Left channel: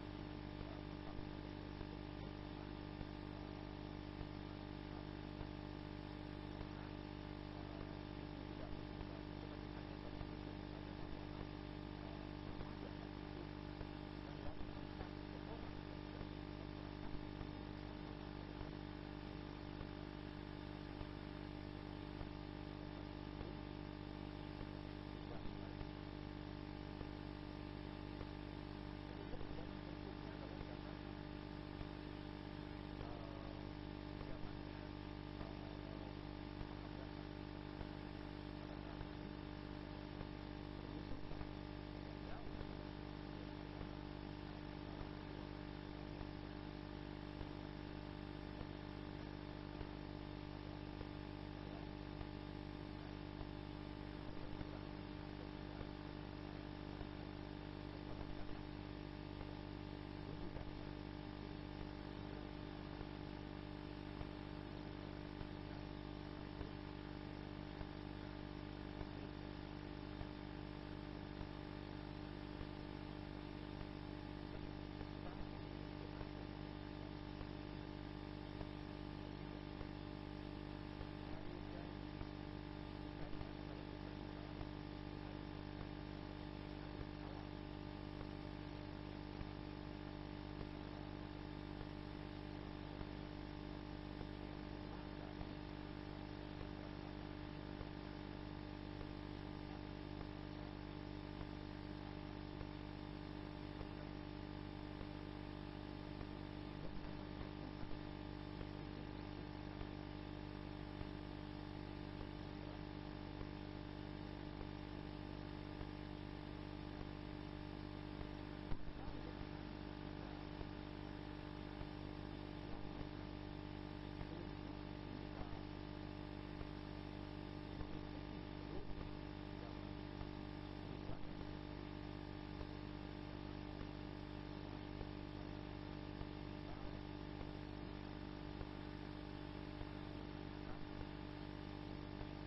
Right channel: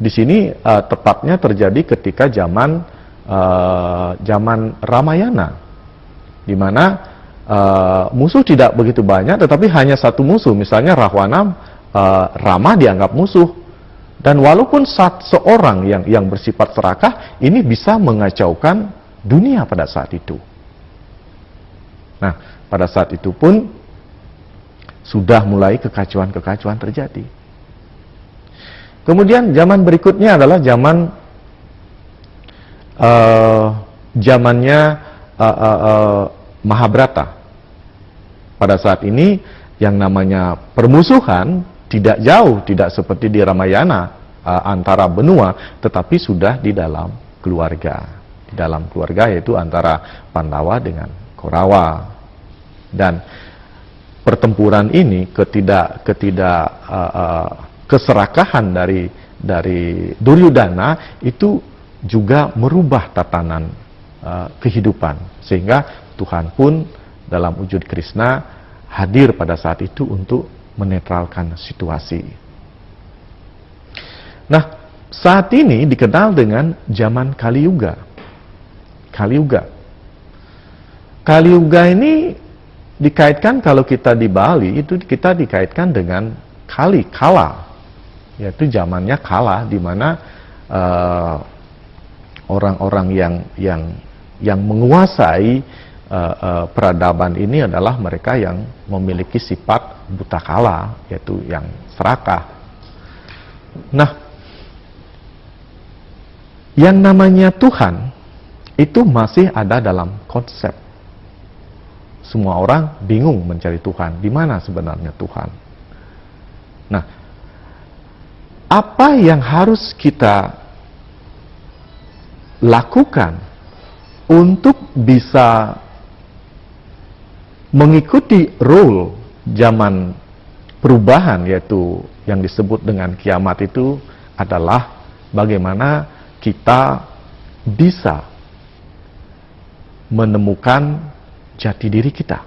di sini tepatnya terjadi ketika zaman Ramayana, di mana musuh tidak begitu banyak, tetapi hanya satu musuh, misalnya Rahwana. Rama dianggap musuh, dan walaupun seorang yang bersifat serakah ini bisa mengacaukan dunia pada saat itu. Nah, pada saat itu pun sudah mulai kekacauan-kekacauan terjadi. Kemudian zaman berikutnya adalah zamannya Mahabharata. Pada saat ini yang namanya permusuhan tidak jauh, tidak seperti di Ramayana antara benua, tetapi sudah di dalam keluarga. Di dalam keluarga, yaitu antara Pandawa dengan Kaurawa. Dan pertempuran ini keserakahan dari Duryodhana itu juga merubah tatanan kehidupan, sehingga Tuhan pun dalam wujud Krishna hadir pada saat itu untuk menetralkan situasi. Nah, saat ini dikenal dengan zaman Kali Yuga. Kali Yuga. Kali Yuga ini dikaitkan, kalau kita di Bali itu kita dikaitkan dengan kala, yaitu zamannya kala, di mana orang-orang yang menguasai peradaban ini adalah mereka yang memiliki sifat buta kala, yaitu yang serakah. Nah, yang namanya Tuhan itu masih ada dalam konsep. Semua orang bingung mencari Tuhan. Di mana sebenarnya Tuhan? Nah, apa yang harus kita lakukan untuk bisa mengikuti role zaman perubahan, yaitu yang disebut dengan kiamat, itu adalah bagaimana kita bisa menemukan jati diri kita.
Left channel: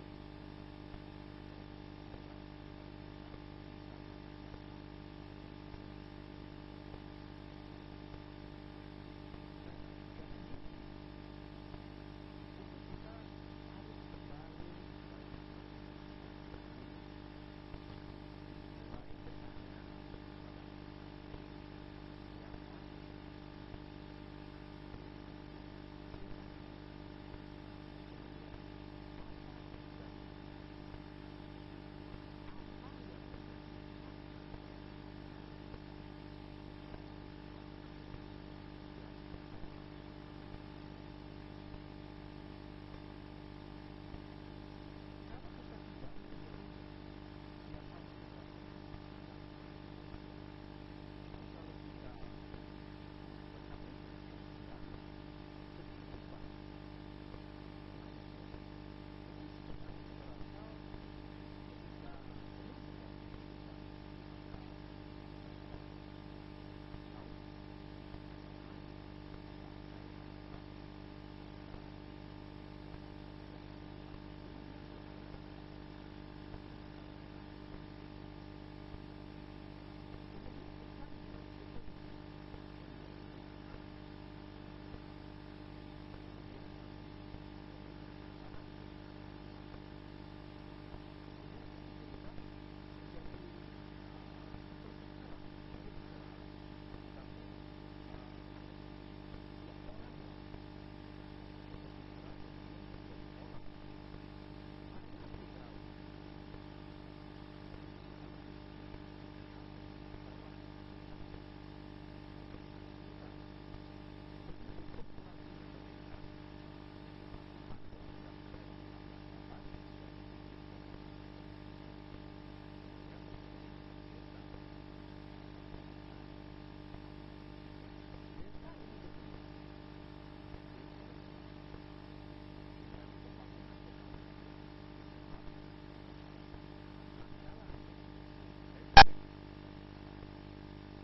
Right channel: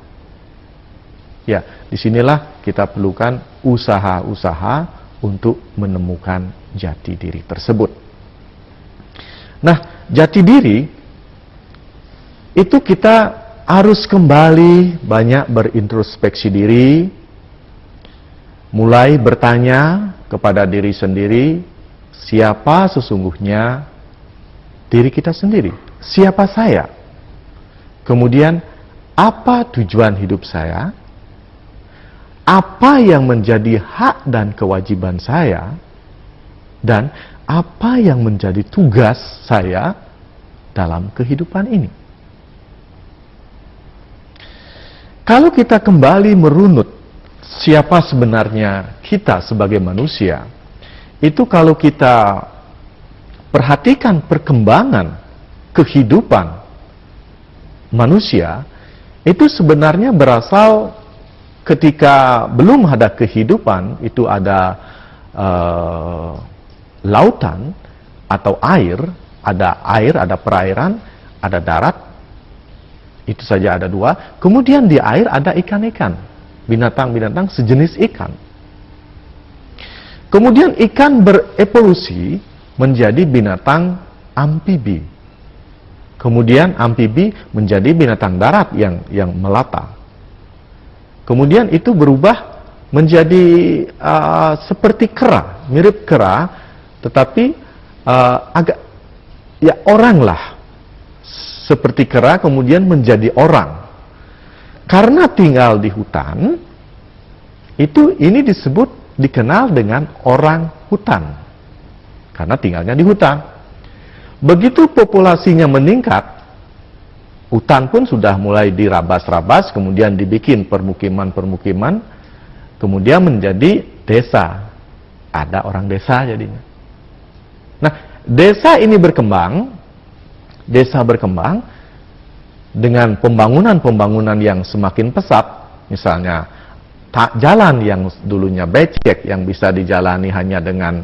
Ya, disinilah kita perlukan usaha-usaha untuk menemukan jati diri tersebut. Nah, jati diri itu kita harus kembali banyak berintrospeksi diri, mulai bertanya kepada diri sendiri, siapa sesungguhnya diri kita sendiri? Siapa saya? Kemudian, apa tujuan hidup saya? Apa yang menjadi hak dan kewajiban saya? Dan apa yang menjadi tugas saya dalam kehidupan ini? Kalau kita kembali merunut siapa sebenarnya kita sebagai manusia, itu kalau kita perhatikan perkembangan kehidupan manusia, itu sebenarnya berasal ketika belum ada kehidupan, itu ada lautan atau air, ada perairan, ada darat. Itu saja ada dua. Kemudian di air ada ikan-ikan, binatang-binatang sejenis ikan. Kemudian ikan berevolusi menjadi binatang amfibi. Kemudian amfibi menjadi binatang darat yang melata. Kemudian itu berubah menjadi seperti kera, mirip kera, tetapi agak ya orang lah. Seperti kera kemudian menjadi orang. Karena tinggal di hutan, ini dikenal dengan orang hutan. Karena tinggalnya di hutan. Begitu populasinya meningkat, hutan pun sudah mulai dirabas-rabas, kemudian dibikin permukiman-permukiman, kemudian menjadi desa. Ada orang desa jadinya. Nah, desa ini berkembang dengan pembangunan-pembangunan yang semakin pesat, misalnya jalan yang dulunya becek, yang bisa dijalani hanya dengan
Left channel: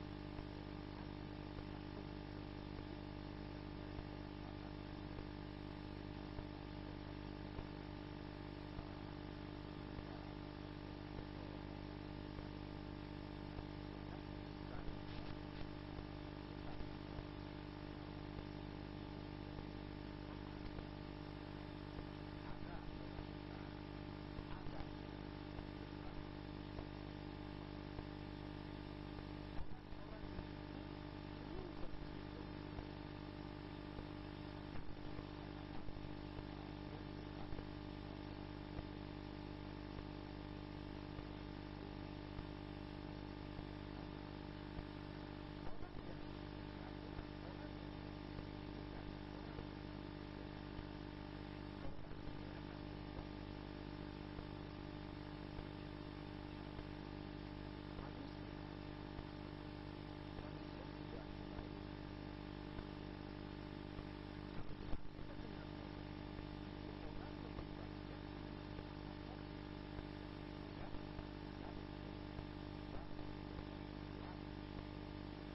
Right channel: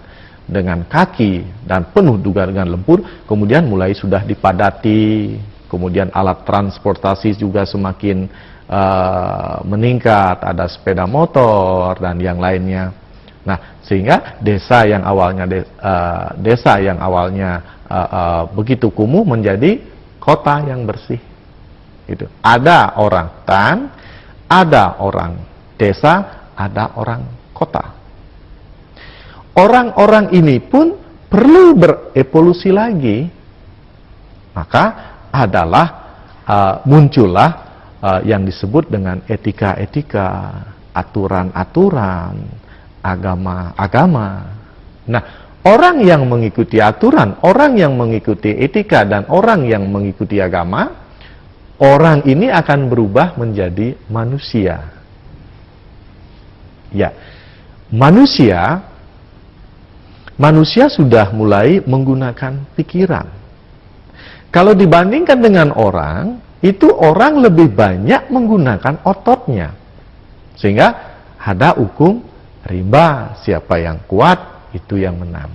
kaki dan penuh juga dengan lumpur, kemudian mulai sudah dipadati, kemudian alat transportasi juga semakin meningkat, ada sepeda motor dan yang lainnya. Nah, Sehingga desa yang awalnya begitu kumuh menjadi kota yang bersih. Gitu. Ada orang hutan, ada orang desa, ada orang kota. Orang-orang ini pun perlu berevolusi lagi. Maka muncullah yang disebut dengan etika-etika, aturan-aturan, agama-agama. Nah, orang yang mengikuti aturan, orang yang mengikuti etika, dan orang yang mengikuti agama, orang ini akan berubah menjadi manusia. Ya, manusia sudah mulai menggunakan pikiran. Kalau dibandingkan dengan orang, itu orang lebih banyak menggunakan ototnya. Sehingga ada hukum rimba, siapa yang kuat, itu yang menang.